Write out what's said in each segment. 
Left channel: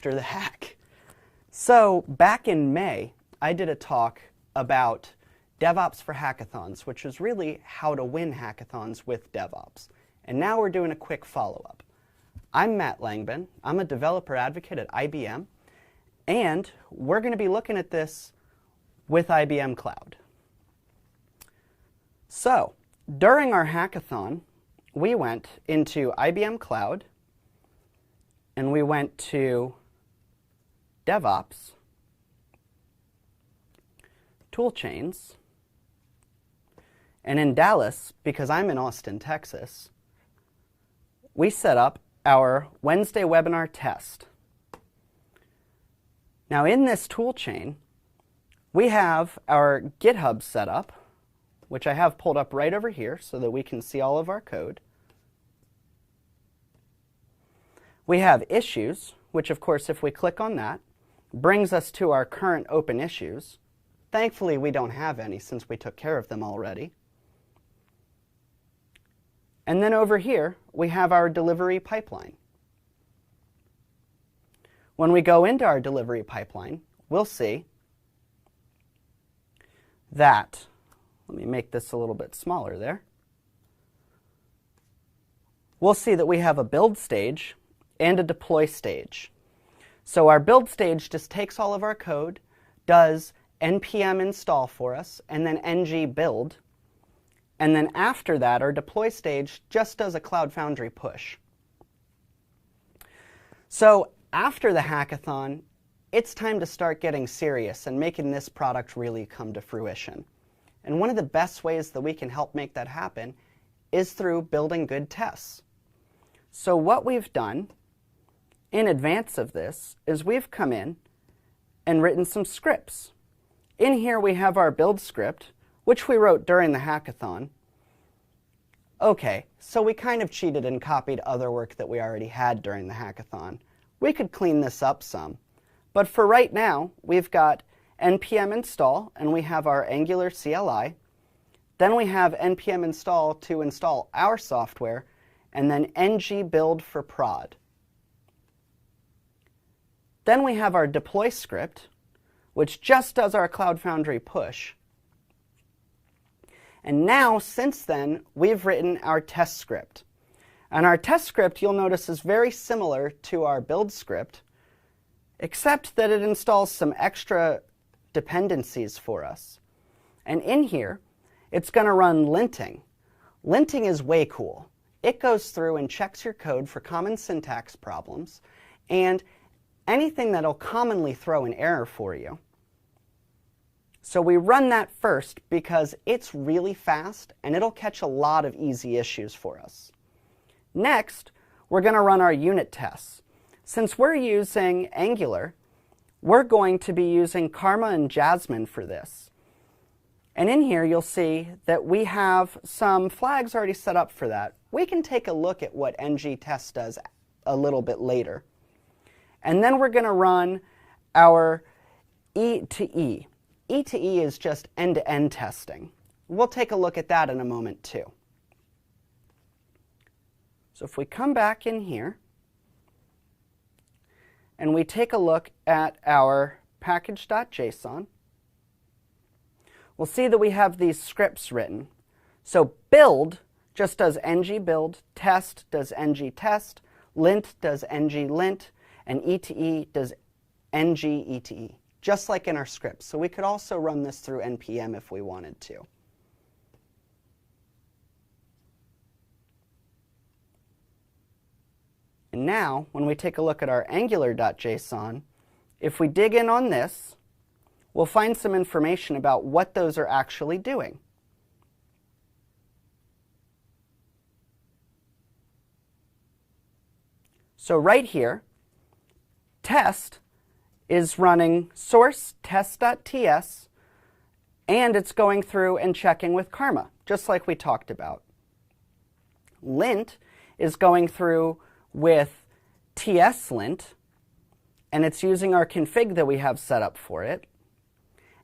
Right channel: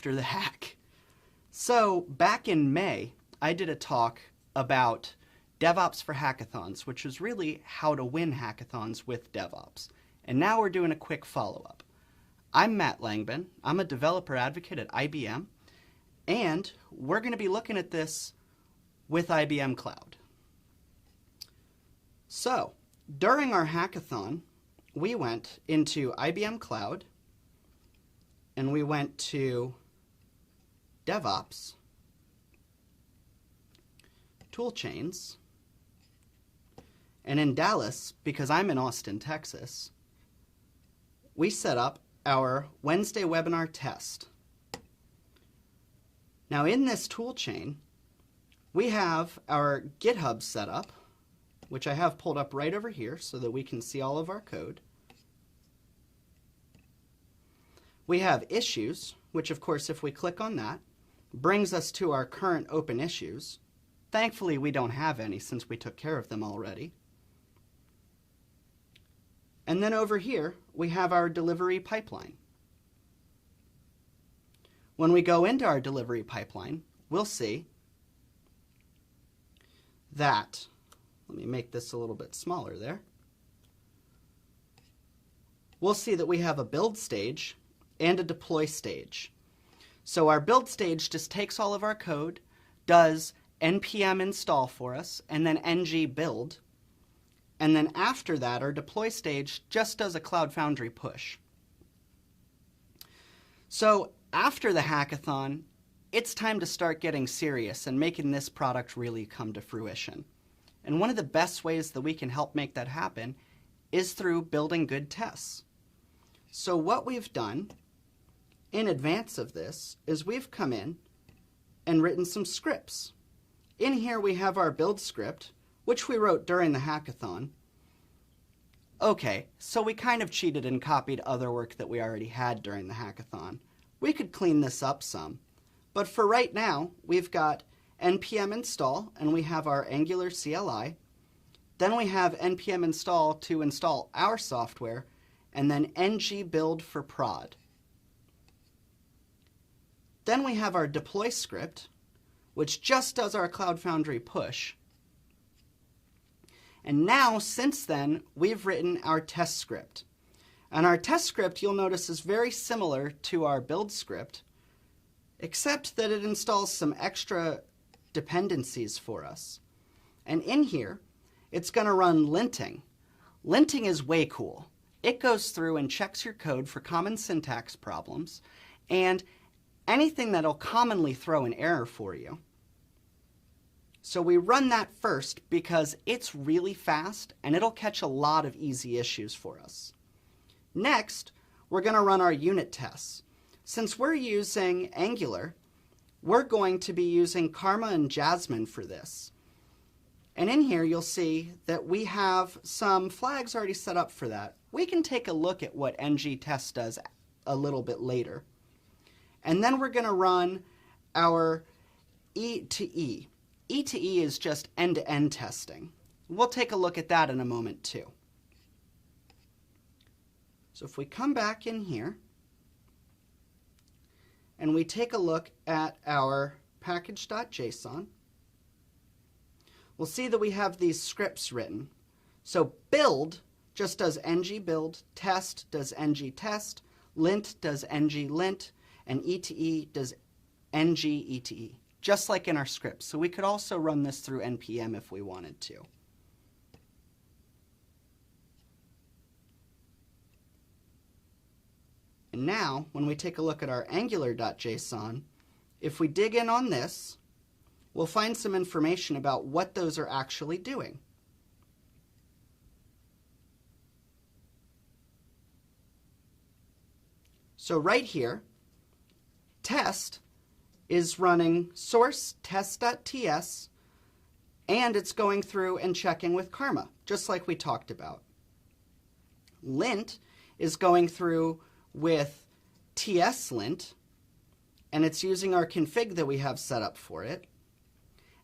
After the hack. So back in May, I did a talk about DevOps for hackathons, which is really how to win hackathons with DevOps. And now we're doing a quick follow-up. I'm Matt Langbin. I'm a developer advocate at IBM, and we're going to be looking at this with IBM Cloud. So during our hackathon, we went into IBM Cloud, and we went to DevOps, toolchains, and in Dallas, because I'm in Austin, Texas, we set up our Wednesday webinar test. Now in this toolchain, we have our GitHub set up, which I have pulled up right over here so that we can see all of our code. We have issues, which of course if we click on that, brings us to our current open issues. Thankfully we don't have any since we took care of them already. And then over here we have our delivery pipeline. When we go into our delivery pipeline, we'll see that, let me make this a little bit smaller there. We'll see that we have a build stage and a deploy stage. So our build stage just takes all of our code, does npm install for us, and then ng build. And then after that, our deploy stage just does a Cloud Foundry push. So after the hackathon, it's time to start getting serious and making this product really come to fruition. And one of the best ways that we can help make that happen is through building good tests. So what we've done in advance of this is we've come in and written some scripts. In here we have our build script, which we wrote during the hackathon. Okay, so we kind of cheated and copied other work that we already had during the hackathon. We could clean this up some, but for right now, we've got npm install, and we have our Angular CLI. Then we have npm install to install our software, and then ng build for prod. Then we have our deploy script, which just does our Cloud Foundry push. And now, since then, we've written our test script. And our test script, you'll notice, is very similar to our build script, except that it installs some extra dependencies for us. And in here, it's going to run linting. Linting is way cool. It goes through and checks your code for common syntax problems and anything that'll commonly throw an error for you. So we run that first because it's really fast and it'll catch a lot of easy issues for us. Next, we're going to run our unit tests. Since we're using Angular, we're going to be using Karma and Jasmine for this. And in here you'll see that we have some flags already set up for that. We can take a look at what ng test does a little bit later. And then we're going to run our E to E. E to E is just end-to-end testing. We'll take a look at that in a moment too. So if we come back in here and we take a look at our package.json, we'll see that we have these scripts written. So build just does ng build, test does ng test, lint does ng lint, and E to E does ng E to E, just like in our scripts. So we could also run this through npm if we wanted to. And now, when we take a look at our angular.json, if we dig in on this, we'll find some information about what those are actually doing. So right here, test is running source test.ts, and it's going through and checking with Karma, just like we talked about. Lint is going through with tslint, and it's using our config that we have set up for it.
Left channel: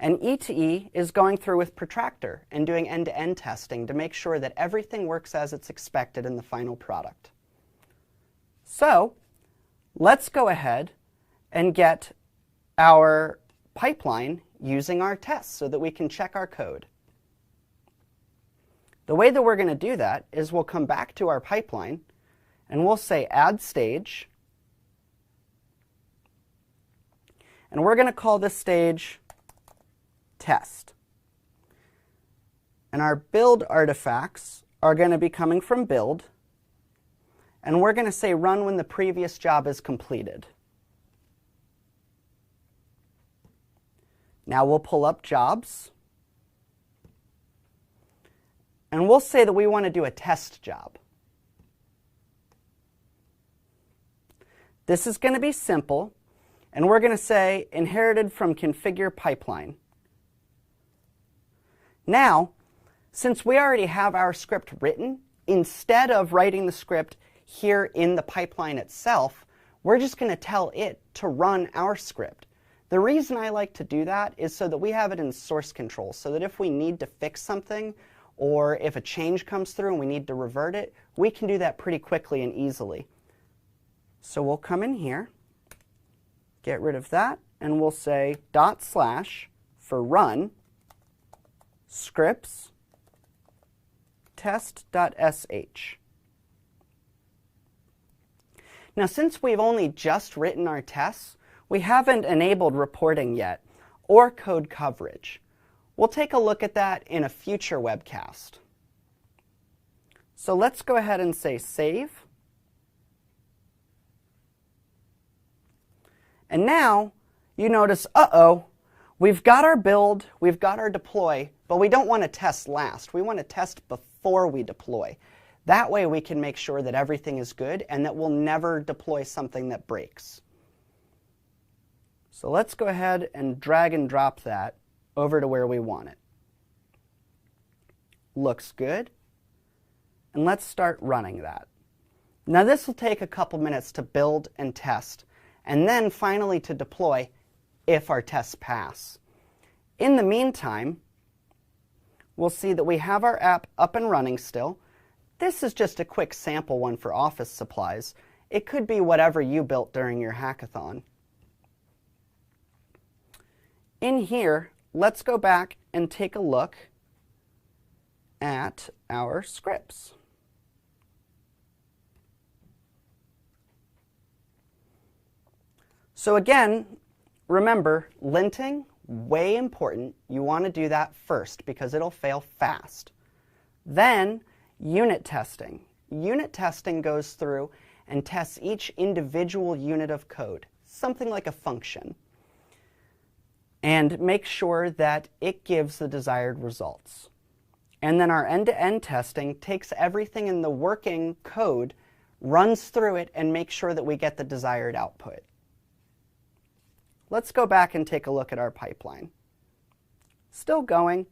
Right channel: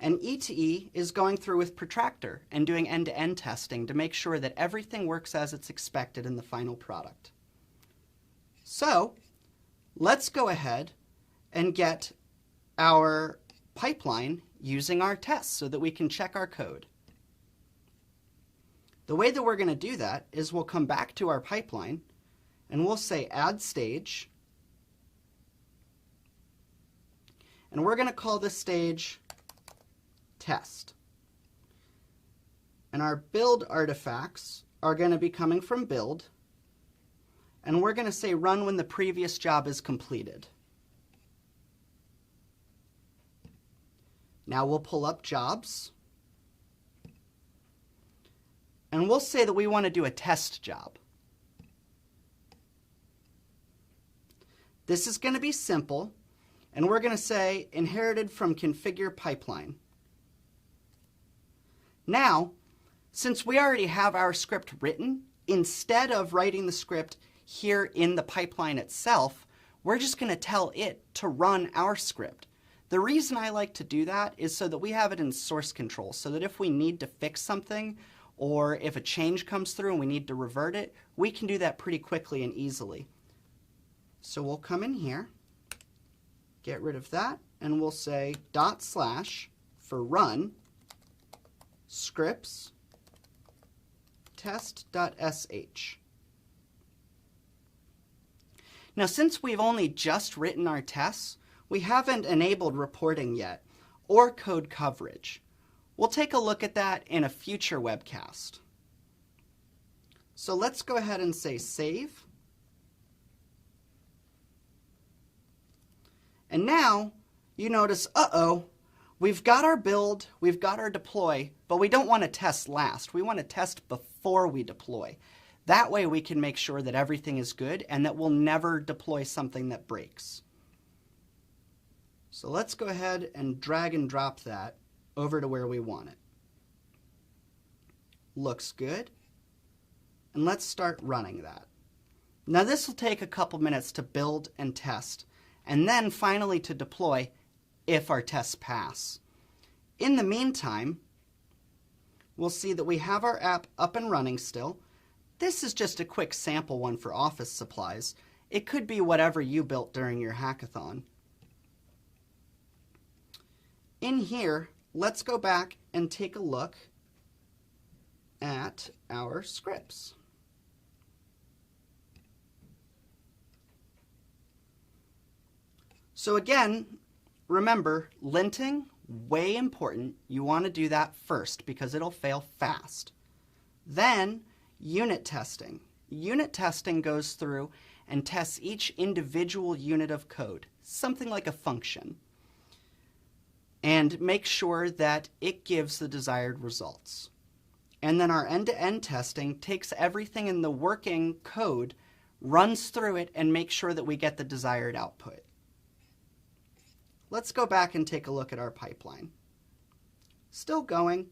And E to E is going through with Protractor and doing end-to-end testing to make sure that everything works as it's expected in the final product. So let's go ahead and get our pipeline using our tests so that we can check our code. The way that we're going to do that is we'll come back to our pipeline and we'll say add stage. And we're going to call this stage test. And our build artifacts are going to be coming from build. And we're going to say run when the previous job is completed. Now we'll pull up jobs. And we'll say that we want to do a test job. This is going to be simple. And we're going to say inherited from configure pipeline. Now, since we already have our script written, instead of writing the script here in the pipeline itself, we're just going to tell it to run our script. The reason I like to do that is so that we have it in source control, so that if we need to fix something or if a change comes through and we need to revert it, we can do that pretty quickly and easily. So we'll come in here, get rid of that, and we'll say // for run scripts test.sh. Now, since we've only just written our tests, we haven't enabled reporting yet, or code coverage. We'll take a look at that in a future webcast. So let's go ahead and say save. And now, you notice, we've got our build, we've got our deploy, but we don't want to test last. We want to test before we deploy. That way we can make sure that everything is good and that we'll never deploy something that breaks. So let's go ahead and drag and drop that over to where we want it. Looks good. And let's start running that. Now this will take a couple minutes to build and test, and then finally to deploy if our tests pass. In the meantime, we'll see that we have our app up and running still. This is just a quick sample one for office supplies. It could be whatever you built during your hackathon. In here, let's go back and take a look at our scripts. So again, remember, linting, way important. You want to do that first because it'll fail fast. Then, unit testing. Unit testing goes through and tests each individual unit of code, something like a function, and make sure that it gives the desired results. And then our end-to-end testing takes everything in the working code, runs through it, and makes sure that we get the desired output. Let's go back and take a look at our pipeline. Still going.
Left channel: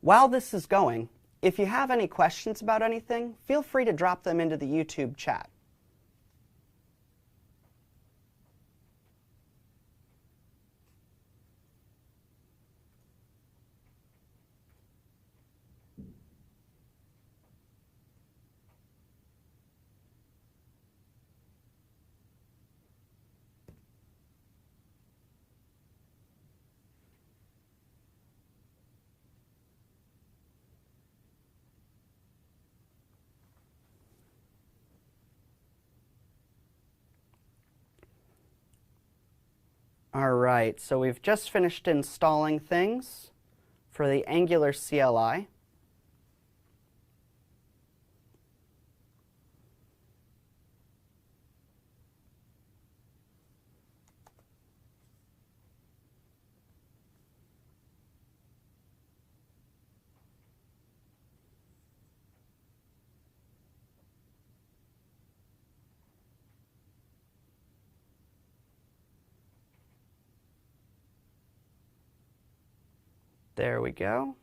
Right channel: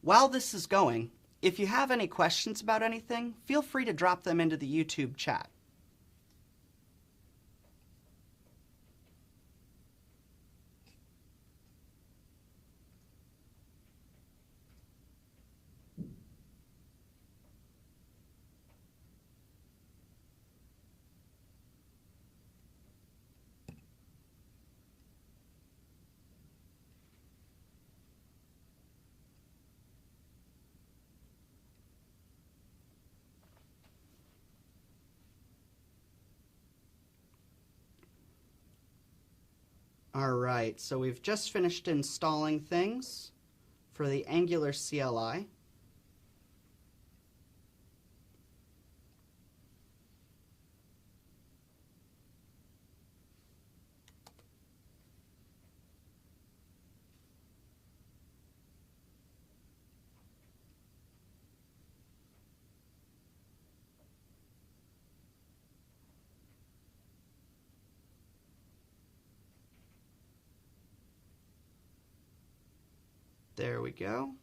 While this is going, if you have any questions about anything, feel free to drop them into the YouTube chat. All right, so we've just finished installing things for the Angular CLI. There we go.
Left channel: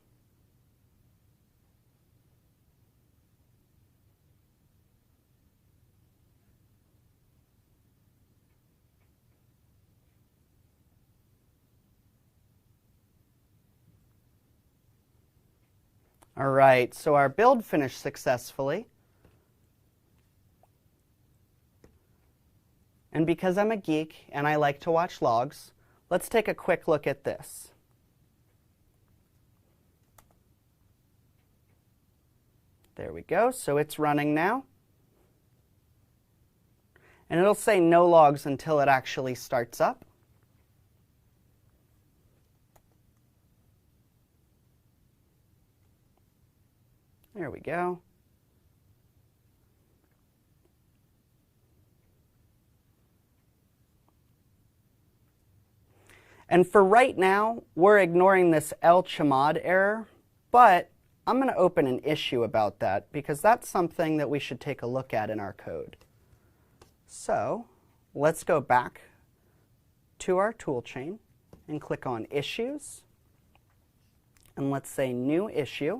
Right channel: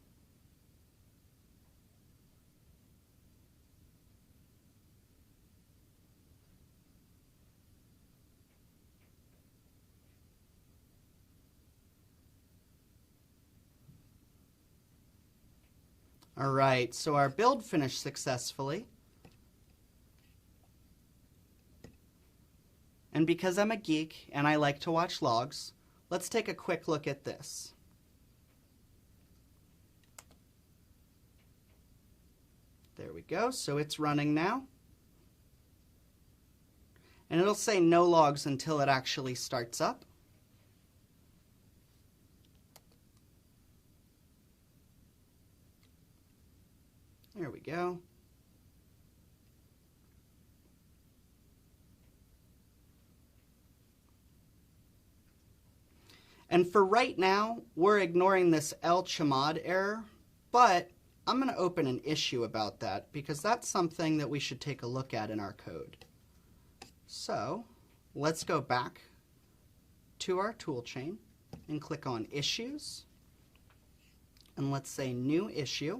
All right, so our build finished successfully. And because I'm a geek and I like to watch logs, let's take a quick look at this. There we go, so it's running now. And it'll say no logs until it actually starts up. There we go. And for right now, we're ignoring this el chamad error, but I'm going to open an issue about that because that's something that we should take a look at in our code. So let's go back to our toolchain and click on Issues. And let's say New Issue.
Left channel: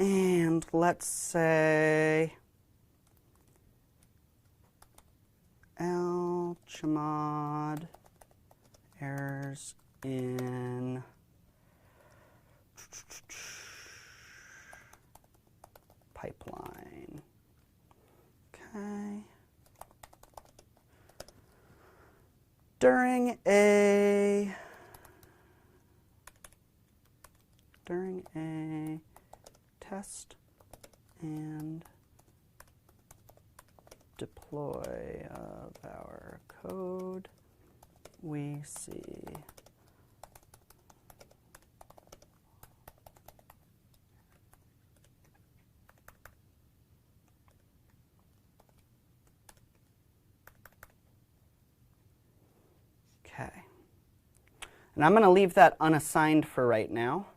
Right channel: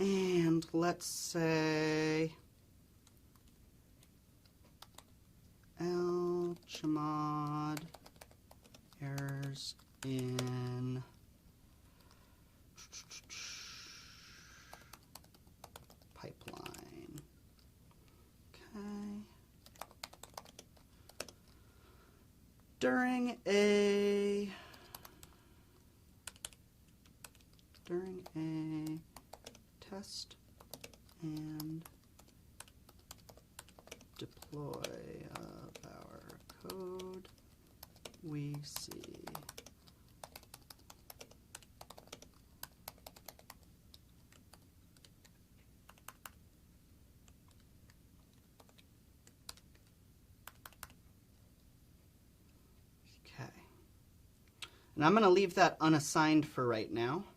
And let's say el chamad errors in pipeline. Okay. During a test and deploy of our code, we see okay. And I'm going to leave that unassigned for right now,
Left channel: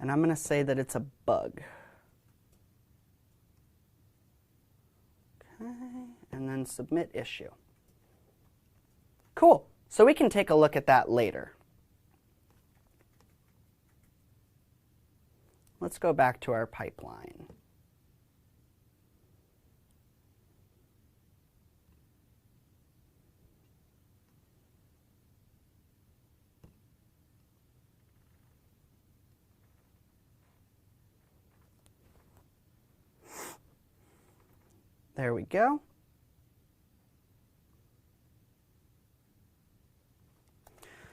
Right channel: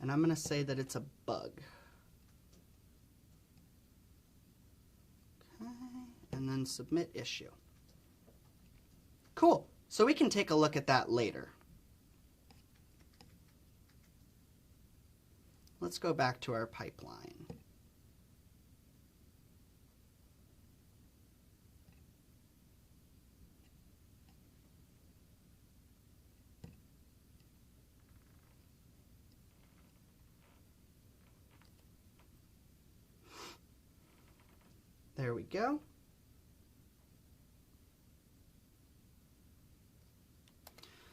and I'm going to say that it's a bug. Okay, and then submit issue. Cool. So we can take a look at that later. Let's go back to our pipeline. There we go.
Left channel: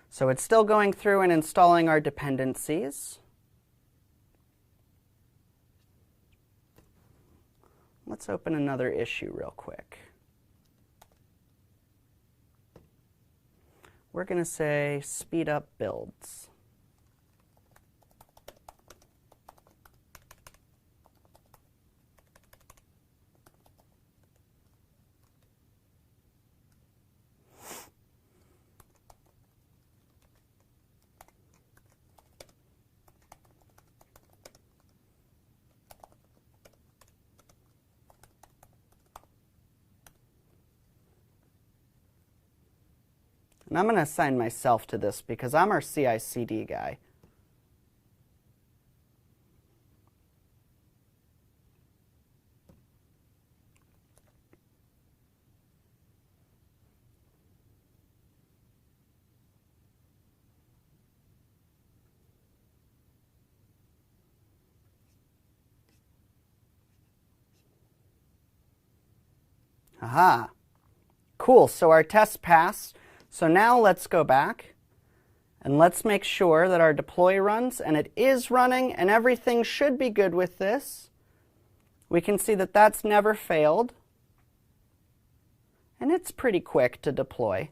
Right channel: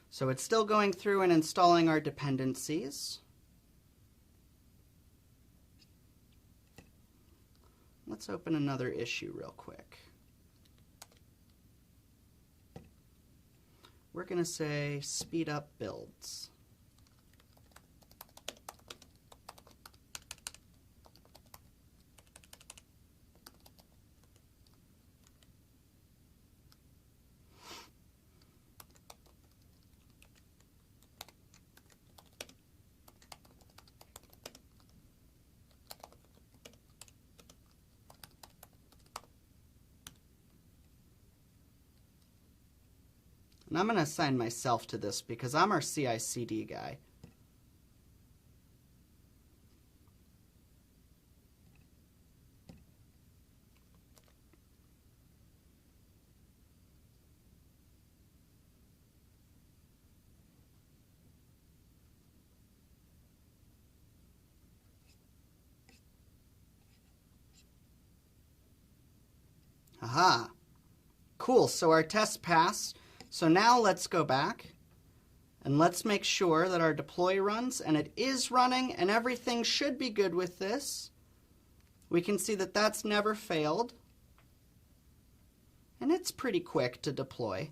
So it's still going through and installing our dependencies. Let's open another issue real quick. We're going to say speed up builds. And I'm going to assign myself to this because I'm our CI/CD guy. Aha. Cool, so our test passed. So now let's go back and let's make sure that our deploy runs, and it is running and everything should be good with this. We can see that that's never failed, and it's pretty quick to deploy.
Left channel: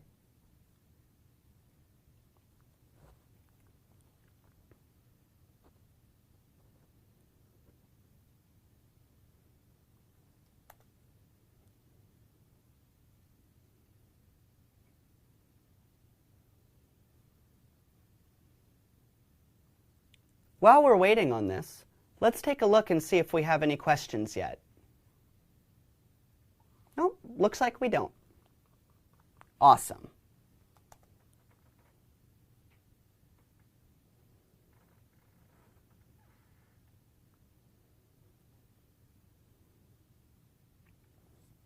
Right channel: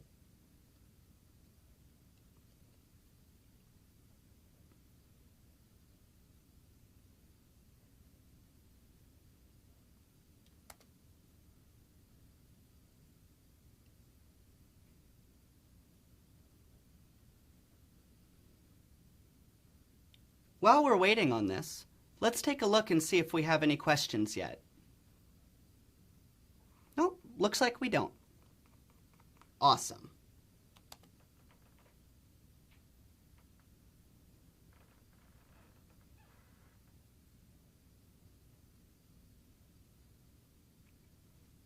While we're waiting on this, let's take a look and see if we have any questions yet. Nope, looks like we don't. Awesome.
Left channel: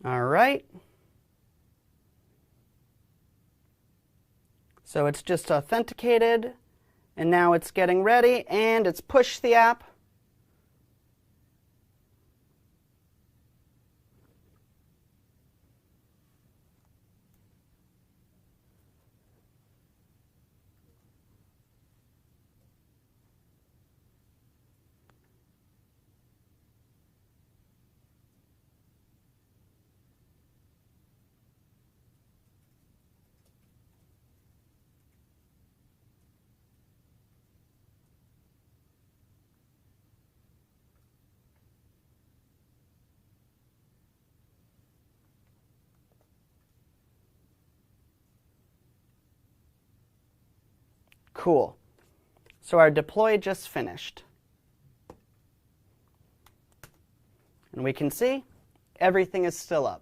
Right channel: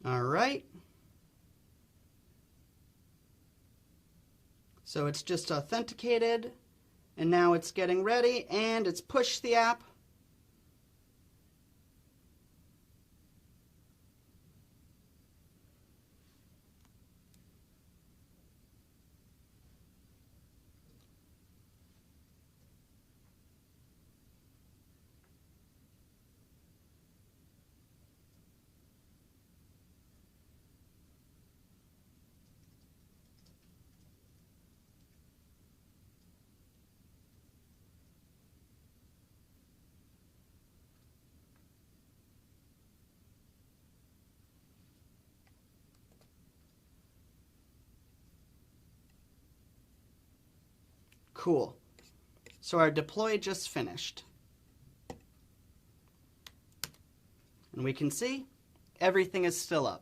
All right. So it's just authenticated And now it's getting ready, and it's pushed the app. Cool. So our deploy just finished. And we can see everything is still up.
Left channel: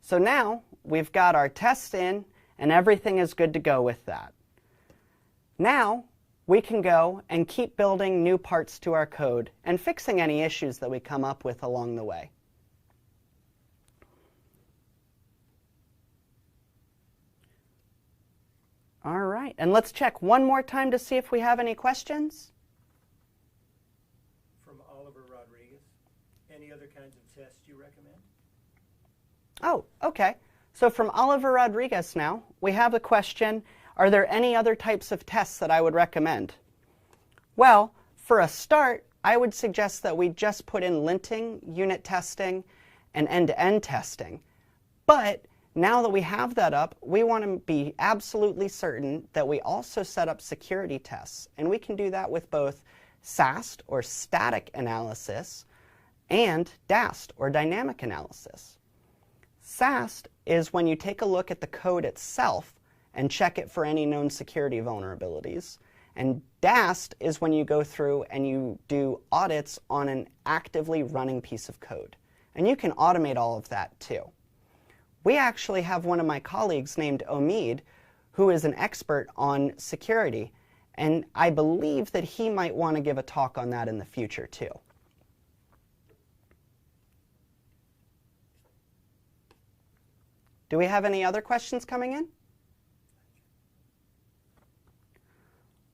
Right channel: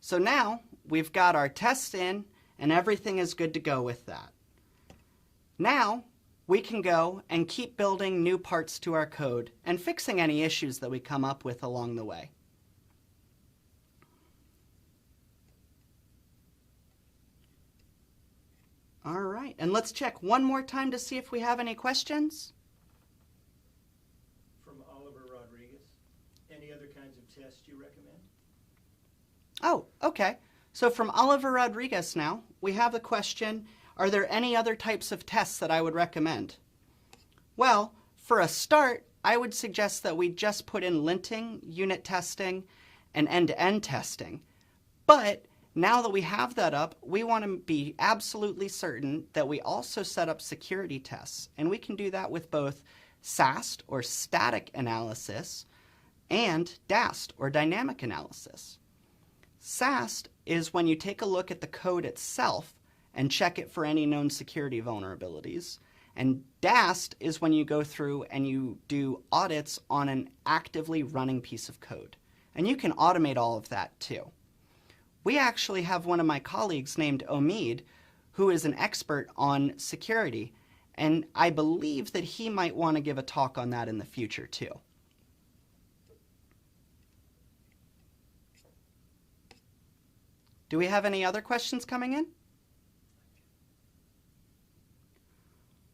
So now we've got our test in, and everything is good to go with that. Now we can go and keep building new parts to our code and fixing any issues that we come up with along the way. All right, and let's check one more time to see if we have any questions. From Oliver Rodriguez, any other kinds of tests you recommend? Oh, okay. So from Oliver Rodriguez now, we have a question, are there any other types of tests that I would recommend? Well, for a start, I would suggest that we just put in linting, unit testing, and end-to-end testing. But now that we have that up, we want to be absolutely certain that we also set up security tests. And we can do that with both SAST, or static analysis, and DAST, or dynamic analysis. SAST is when you take a look at the code itself and check it for any known security vulnerabilities. And DAST is when you go through and you do audits on an actively running piece of code. And you can automate all of that too. We actually have one of my colleagues named Omid, who is an expert on security, and I believe that he might want to give a talk on that in the future too. Do we have any other questions coming in?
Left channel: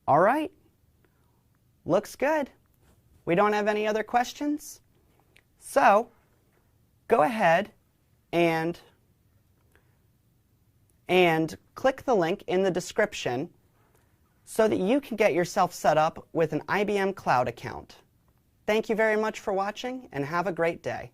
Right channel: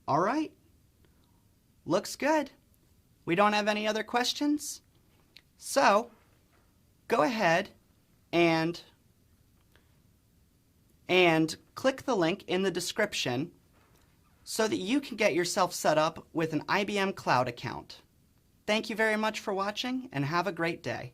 All right. Looks good. We don't have any other questions? So, go ahead and click the link in the description so that you can get yourself set up with an IBM Cloud account. Thank you very much for watching, and have a great day.